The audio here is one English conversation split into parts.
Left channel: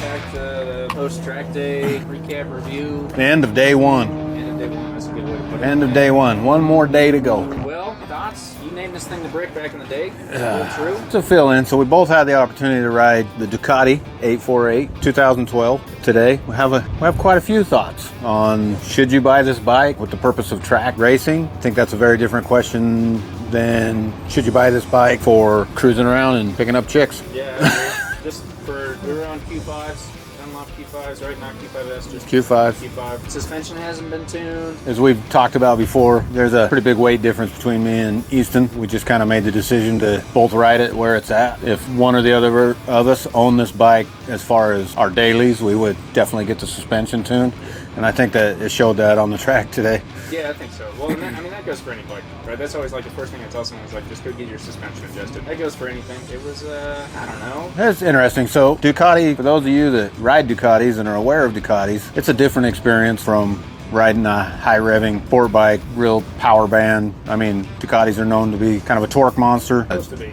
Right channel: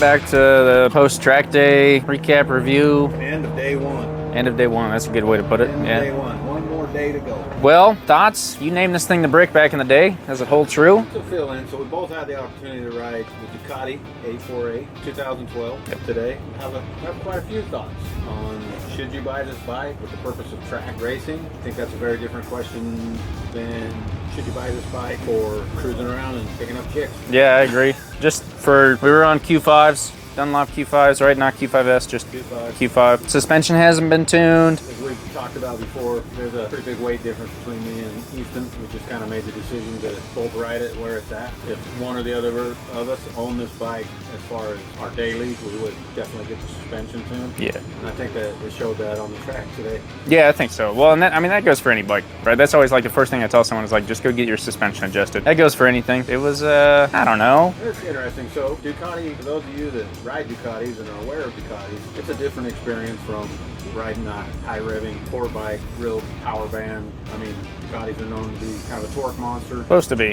welcome back to the post-track day recap review. The end of day one. End of day one, that's a good way to put it. End of day one. One more day to go. Well, thoughts? You named this thing the Brick back in the day. Does it hold true? To fill in, so we both had the opportunity to ride the Ducati 848 2012. Today, we have quite a few thoughts on should you buy this bike with the purpose of track racing. I think that's a very different question than should you buy this bike for cruising around and picking up chicks. Yeah, I agree. We were on Q5s. Dunlop Q5s, right? Not Q5S, just Q5. Q5. Suspension hasn't been tuned. As we've talked about before, there's a pretty big weight difference between me and Easton. We just kind of made the decision to both ride it where it's at. If one or the other of us own this bike, as far as our dailies, we would definitely get the suspension tuned. Yeah. And I think that it showed that on the track today. Yeah, I think so. Well, and that goes for any bike, right? That's always like the first thing I tell someone is like, just go get your suspension adjusted. That goes for anything. It was, I don't know. It's interesting. So Ducati, for those of you that ride Ducatis and are aware of Ducatis, it's a different experience from riding a high-revving sport bike, real power band. I mean, Ducatis are known to be kind of a torque monster. Supposed to be.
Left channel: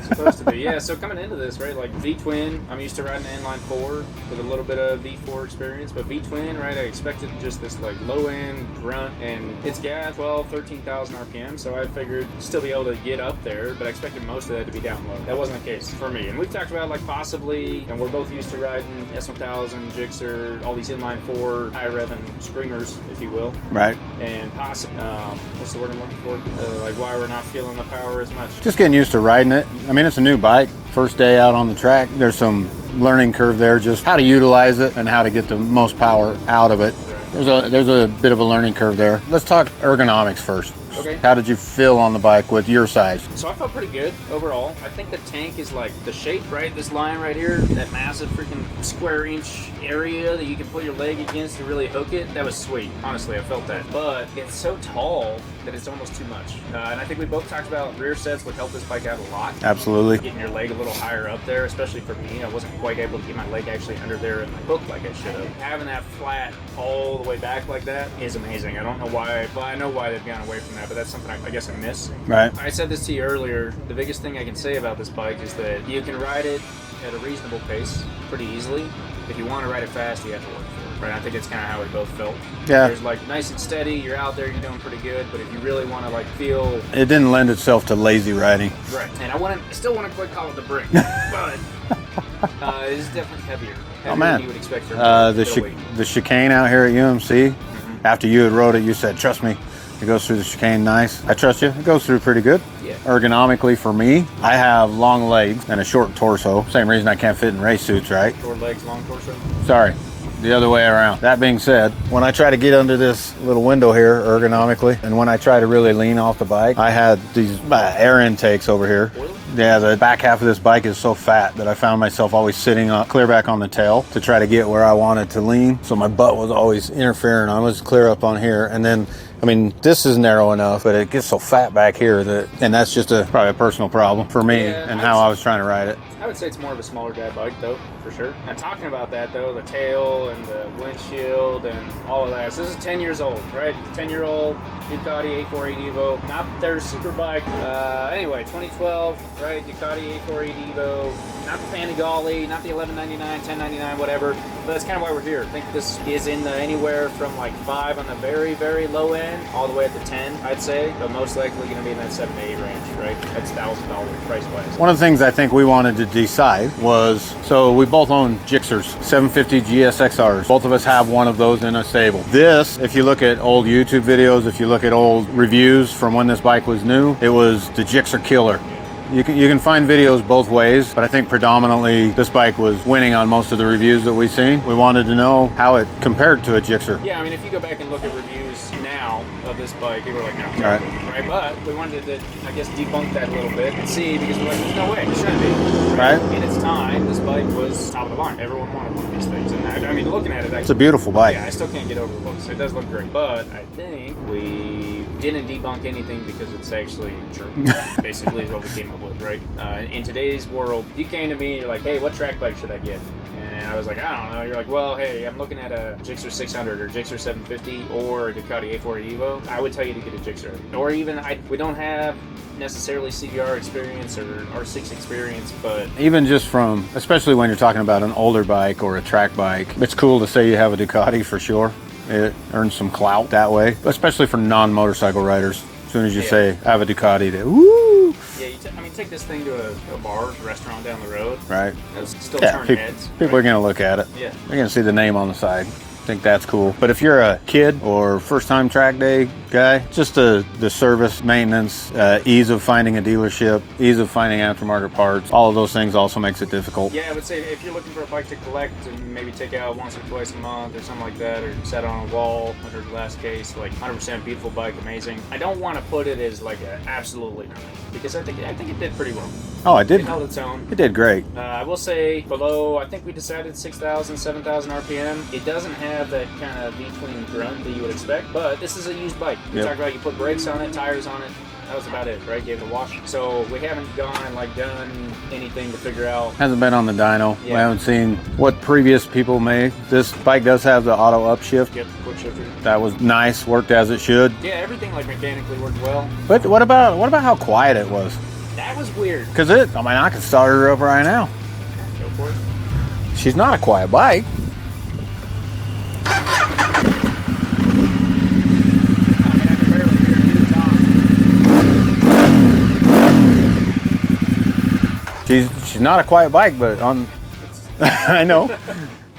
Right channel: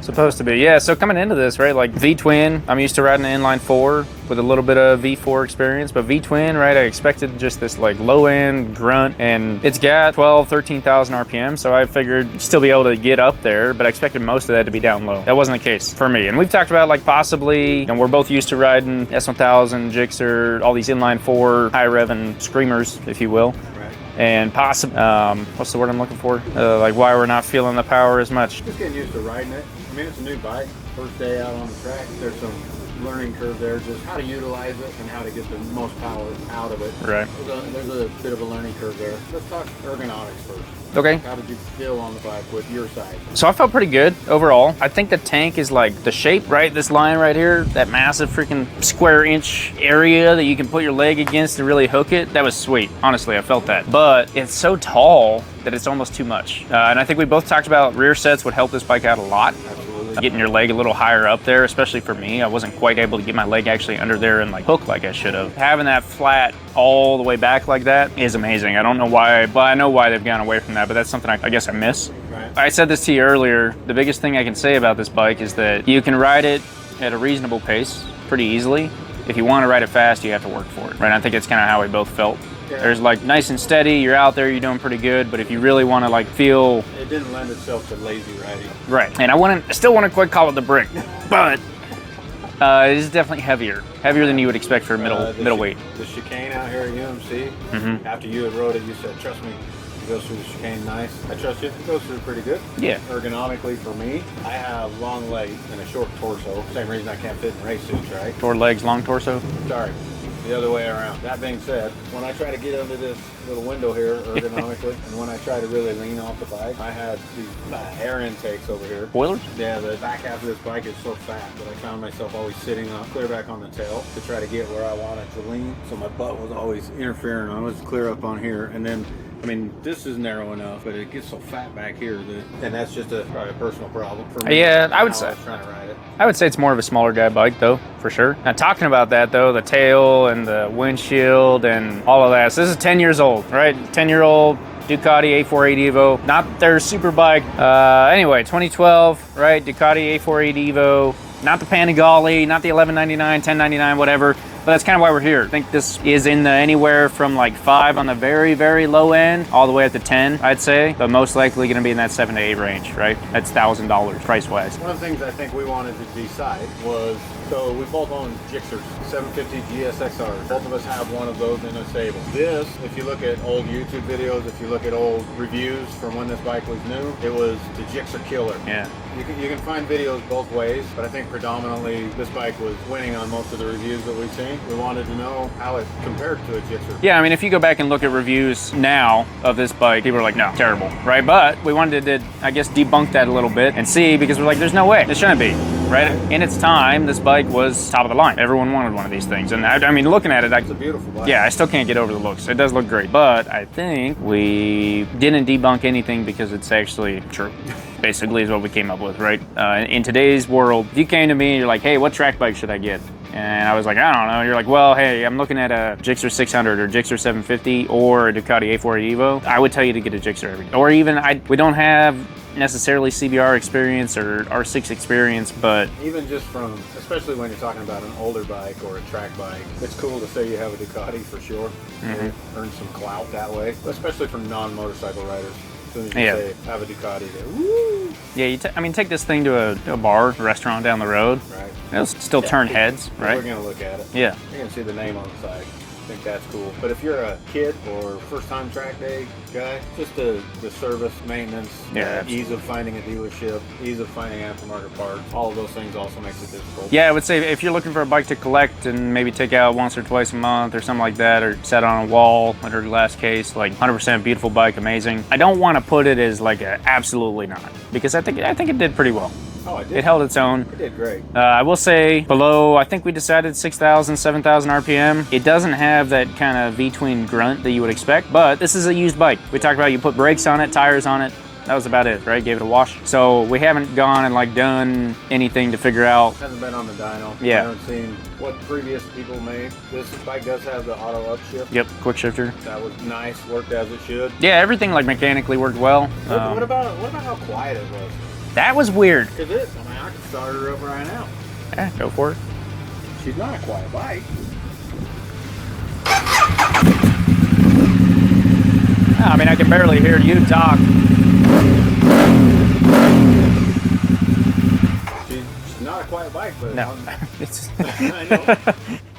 Supposed to be. Yeah, so coming into this, right, like V-twin, I'm used to riding an inline 4 with a little bit of V4 experience, but V-twin, right, I expected just this like low-end grunt, and it's got 13,000 RPM, so I figured still be able to get up there, but I expected most of that to be down low. That wasn't the case for me, and we've talked about like possibly, and we're both used to riding S1000, Gixxer, all these inline 4 high-revving screamers, if you will. Right. And possibly, what's the word I'm looking for? Like why we're not feeling the power as much. Just getting used to riding it. I mean, it's a new bike. First day out on the track, there's some learning curve there, just how to utilize it and how to get the most power out of it. Right. There's a bit of a learning curve there. Let's talk ergonomics first. Okay. How did you feel on the bike with your size? So I felt pretty good overall. I think the tank is like the shape, right? This line right here, that massive freaking square inch area that you can put your leg against to really hook it. That was sweet. Honestly, I felt that. But it's so tall that it's almost too much. And I think we both talked about rear sets would help this bike out a lot. Absolutely. Getting your leg a little higher up there, especially for me. I wasn't quite able to get my leg actually under there and like hook like I should have. Having that flat all the way back like that is amazing. I don't know why, but I know why they've gone away from that, but that's something I guess I miss. Right. I said this to you earlier. The biggest thing I can say about this bike is that you can ride it at a reasonable pace pretty easily. If you want to ride it fast, you have to work for it, right? I think it's kind of how we both felt. Yeah. There's like nice and steady, you're out there, you're doing pretty good, but if you really want to like feel... It didn't lend itself to lazy riding. Right. And I still want to quite call it the Brick, but it is definitely heavier than you would expect for middleweight. The chicane out here at UMC, after you had rode it, you said, trust me, it goes through the chicane nice. I trust you. It goes through pretty good. Yeah. Ergonomically for me, I have long legs and a short torso. Same reason I can't fit in race suits, right? Short legs, long torso? Sorry. The other way around. That being said, when I try to get under this little window here ergonomically, and when I try to really lean off the bike, I had these air intakes over here. Spoilers? Yeah, the back half of this bike is so fat that I found myself always sitting up clear back on the tail to try to get where I wanted to lean. So my butt was always interfering. I was clear up on here, and then I mean, this is narrow enough, but it gets so fat back here that, and that's just probably a personal problem for me. Yeah, and how I was trying to ride it. I would say it's more of a smaller guy bike though, for sure. Now talking about that though, the tail and the windshield and all of that. So this is 10 years old, right? 10-year-old Ducati 848 Evo, not their super bike. Anyway, 2012, right? Ducati 848 Evo, not the Panigale, not the 1199, 1099, whatever. But that's kind of why we're here. I think this is in the anywhere from like 5 on the very, very low end, all the way up to 10, I'd say. But most likely going to be in that 7 to 8 range, right? That's $1,000 price-wise. One of the things I think we wanted to decide was, so we both own Gixxers, 750 GSXRs. Both of us have one of those in a stable. This, if you look at old YouTube videos, if you look at old reviews from when this bike was new, it was the Gixxer killer. Yeah. You can find videos both ways, but I think predominantly this bike was winning on most of the reviews that we've seen. We wanted to know how it compared to a Gixxer. Yeah, I mean, if you go back and look at reviews now of this bike, people are like, no, terrible, right? But we wanted to, I guess, debunk that a little bit and see, because we're like, there's no way, it shouldn't be, right? In its time, this bike was top of the line. Everyone wanted one of these things. And I mean, looking at it, it's a beautiful bike. Yeah, I still can't get over the looks. It does look great. But I think we didn't debunk anything because it's actually true, basically is what we came up with, right? In today's world, if you came to me, you're like, hey, what track bike should I get? And I was like, I don't know. You're like, well, hey, I'm looking at a Gixxer 600 or Gixxer 750 or a Ducati 840 Evo. I would tell you to get a Gixxer. Or even, we don't have necessarily CBR experience or R6 experience, but Even just from, especially when you're talking about an older bike or a track bike, it's cool to say you have a Ducati for sure. It earns some clout that way, especially for non-motorcycle riders. As soon as you say, I have a Ducati, they, woo! Yeah, I mean, take this thing to a bar, a restaurant down the road. Right. It'll still turn heads. People right? are going to look at it. Yeah. They're going to see the name on the side. I think that's cool. But if you're a kid or first-time track day guy, just the service, maintenance, ease of finding a dealership, ease of finding aftermarket parts, all of those things also makes it difficult. Yeah, I would say if you're looking for a bike to collect and maybe take out once or twice a month or something like that, or set on a wall under the last case, like 100% beautiful bike, amazing. I don't want to put it as like a absolutely not, because I think it did pretty well. Oh, it did. It held its own. It did great. I will say below, I think we decided 6,000, 7,000 RPM. It doesn't have that kind of V-tween grunt that you would expect, but this is a used bike. We talked about you put brakes on it, tires on it. That was about it, right? Gave it a wash. So we haven't gone and like done anything to figure out. Hasn't been on the dyno. Yeah. We haven't seen what previous people made. This bike does have the auto upshift. Yep, quick shifter. That was nice, worked as it should. Yeah, everything like mechanically worked well. But what about how quiet it was? That was weird. Because I can start her up right now. Yeah, go for it. She's not a quiet bike. I mean, I can barely hear you talk. She's not a quiet bike, but No. I know.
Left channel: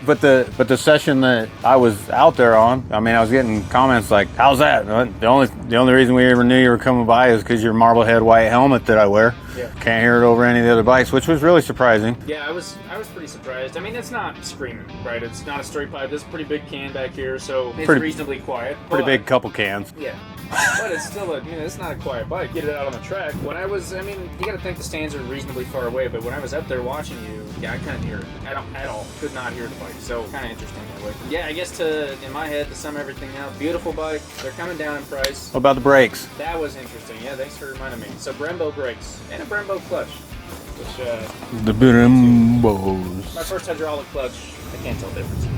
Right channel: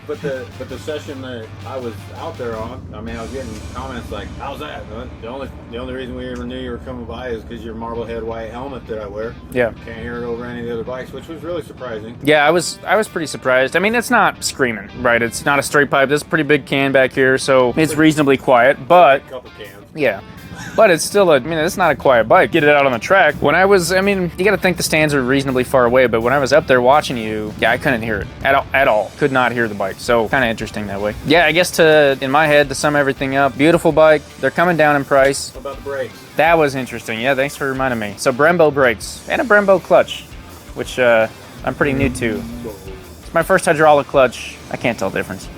But the session that I was out there on, I mean, I was getting comments like, "How's that?" The only reason we ever knew you were coming by is because your Marblehead white helmet that I wear. Yeah. Can't hear it over any of the other bikes, which was really surprising. Yeah, I was pretty surprised. I mean, it's not screaming, right? It's not a straight pipe. There's a pretty big can back here, so it's reasonably quiet. Pretty But big couple cans. yeah. But it's still it's not a quiet bike. Get it out on the track. When I mean, you got to think the stands are reasonably far away, but when I was up there watching you, yeah, I couldn't hear it at all. Could not hear the bike. So kind of interesting that way. Yeah, I guess in my head, to sum everything up, beautiful bike. They're coming down in price. What about the brakes? That was interesting. Yeah, thanks for reminding me. So Brembo brakes and a Brembo clutch, which I'm pretty new to. My first hydraulic clutch, I can't tell the difference.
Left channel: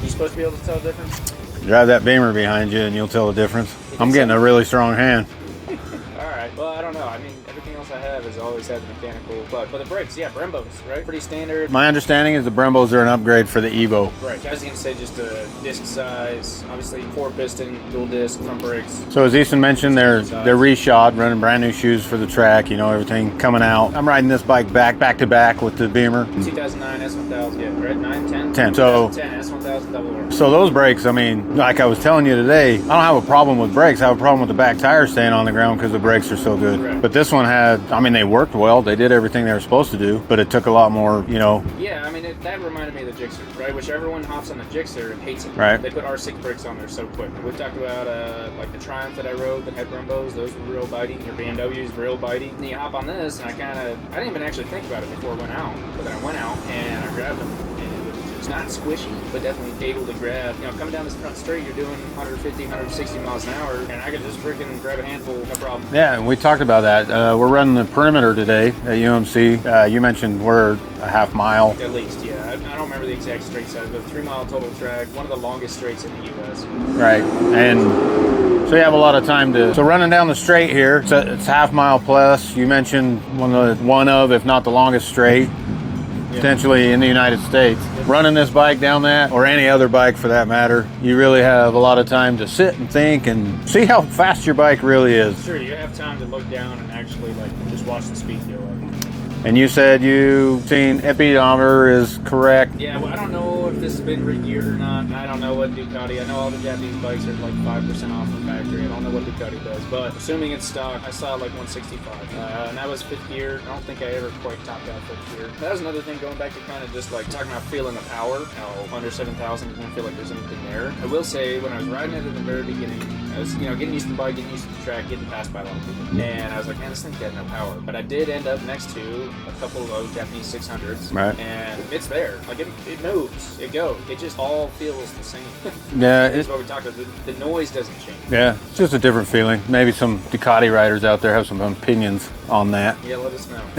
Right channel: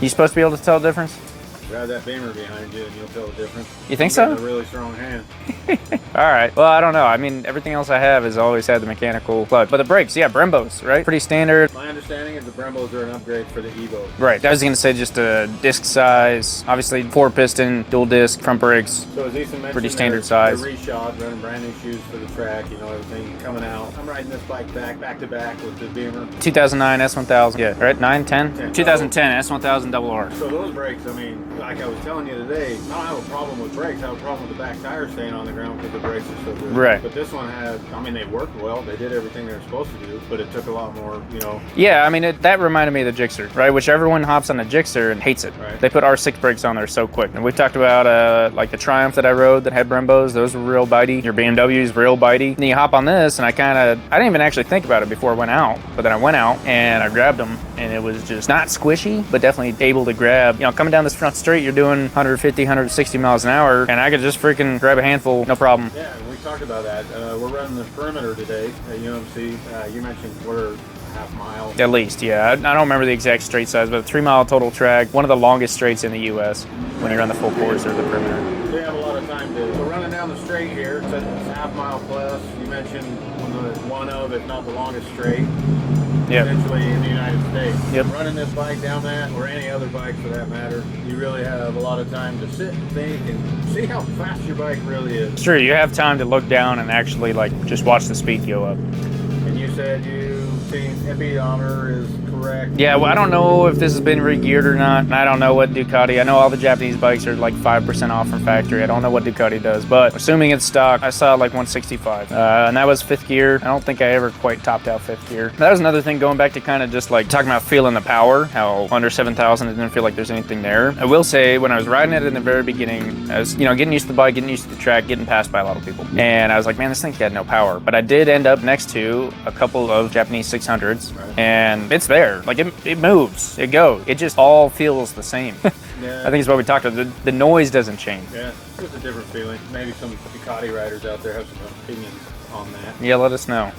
You supposed to be able to tell the difference? Drive that Beamer behind you and you'll tell the difference. You think I'm getting so? a really strong hand. All right. Well, I don't know. I mean, everything else I have has always had the mechanical clutch. But the brakes, yeah, Brembos, right? Pretty standard. My understanding is the Brembos are an upgrade for the Evo. Right. I was going to say just a disc size. Obviously, 4-piston, dual disc, front brakes. So as Ethan mentioned, they're standard size. reshod, running brand new shoes for the track, everything coming out. I'm riding this bike back to back with the Beamer. 2009 S1000. Yeah, right? 9, 10? 10. 2010 S1000 RR. So those brakes, I mean, like I was telling you today, I don't have a problem with brakes. I have a problem with the back tires staying on the ground because the brakes are so good. Right. But this one they worked well. They did everything they were supposed to do, but it took a lot more, Yeah, I mean, that reminded me of the Gixxer, right? Which everyone hops on the Gixxer and hates it. Right. They put R6 brakes on there so quick. And we've talked about, like the Triumph that I rode that had Brembos. Those were real bitey. Your BMW's real bitey. And then you hop on this, and I didn't even actually think about it before I went out. But then I went out, and I grabbed them, and it was just not squishy, but definitely able to grab. Coming down this front street, you're doing 150, 160 miles an hour, and I could just freaking grab a handful, no problem. Yeah, and we talked about that. We're running the perimeter today at UMC. You mentioned we're a half mile. At least, yeah. I don't remember the exact straight size, but 3-mile total track, one of the longest straights in the U.S. Right. Around the full And course of the perimeter. so you have a lot of time so running down the straight here, it's half mile plus. You mentioned one of, if not the longest straight. Yep. Potentially in the United States. Yep. Running this bike down that, or any other bike for that matter, you really have a lot of time to sit and think and see how fast your bike really is. Sure, you have time to look down and actually just watch the speed go up. And you said you've seen epiometer is correct. Yeah, well, I don't know if this has been re-geared or not, and I don't know what Ducati. I know all the Japanese bikes are like 5% off from factory. I don't know what Ducati does, but assuming it's stock, I saw like 165, and that was 5th gear. I don't think I ever quite topped out 5th gear. That was another thing, going back to kind of just like talking about feeling the power, how under 7,000 it didn't feel like there's anything there. I will say, when I was riding it in the very beginning, I was getting used to the bike, getting used to the track, getting passed by a lot of people, and I was like, man, this thing had no power. But I did end up next to a couple of Japanese 600s, right, and it's there. Like it moves, it goes. It just all feels the same. Yeah, I think it's what we talked about. The noise doesn't change. Yeah, it's just a different feeling. Maybe some Ducati riders out there have some opinions. on that. Yeah, let us know.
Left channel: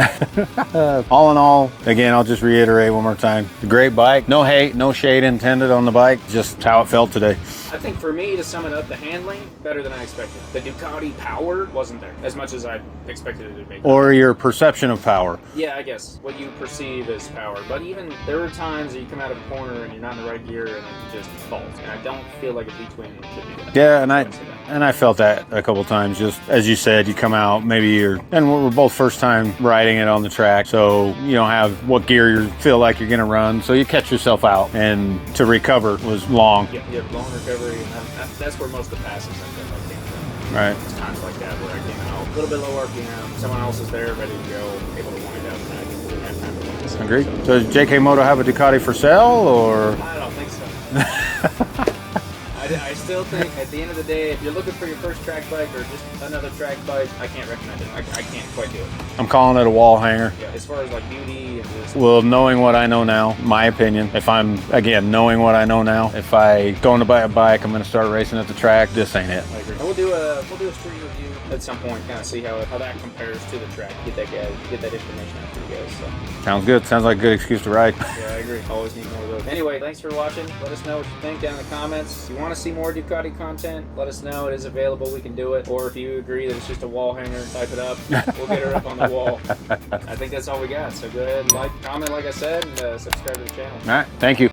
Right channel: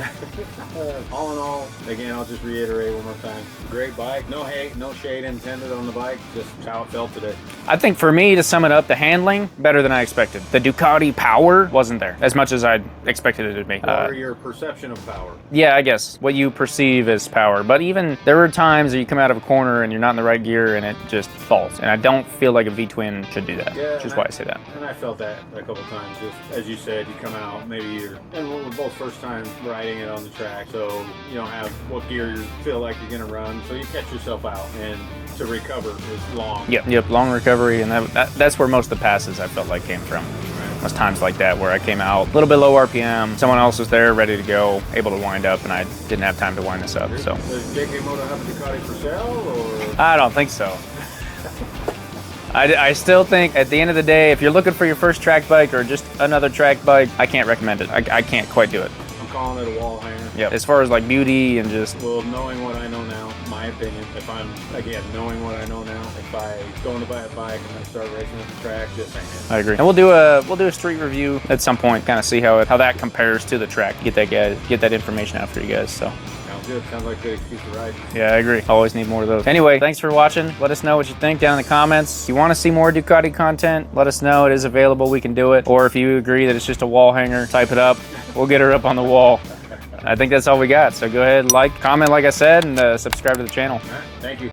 All in all, again, I'll just reiterate one more time. Great bike. No hate, no shade intended on the bike. Just how it felt today. I think for me, to sum it up, the handling, better than I expected. The Ducati power wasn't there as much as I expected it to be. Or your perception of power. Yeah, I guess. What you perceive as power. But even there were times that you come out of a corner and you're not in the right gear and it just falls. And I don't feel like a V-twin should do that. Yeah, and I say that. And I felt that a couple times. Just as you said, you come out, maybe and we're both first time riding it on the track, so you don't have what gear you feel like you're gonna run, so you catch yourself out, and to recover was long. Yep, long recovery, and that's where most of the passes I felt like came from. Right. There's times like that where I came out a little bit low RPM, someone else was there ready to go, able to wind up, and I didn't have time to wind this up. So does JK Moto have a Ducati for sale, or? I don't think so. I still think at the end of the day, if you're looking for your first track bike or just another track bike, I can't recommend it. I can't quite do it. I'm calling it a wall hanger. Yeah. As far as like beauty and just... Well, knowing what I know now, my opinion, if I'm, again, knowing what I know now, if I going to buy a bike, I'm going to start racing at the track, this ain't it. I agree. And we'll do a street review at some point, kind of see how that compares to the track. Get that information out for you guys. So sounds good. Sounds like a good excuse to ride. Yeah, I agree. Always need more of those. Anyway, thanks for watching. Let us know what you think down in the comments. If you want to see more Ducati content, let us know. It is available. We can do it. Or if you agree that it's just a wall hanger, type it up. We'll get her up on the wall. I think that's all we got. So go ahead, like, comment, like I said, and subscribe to the channel. All right. Thank you.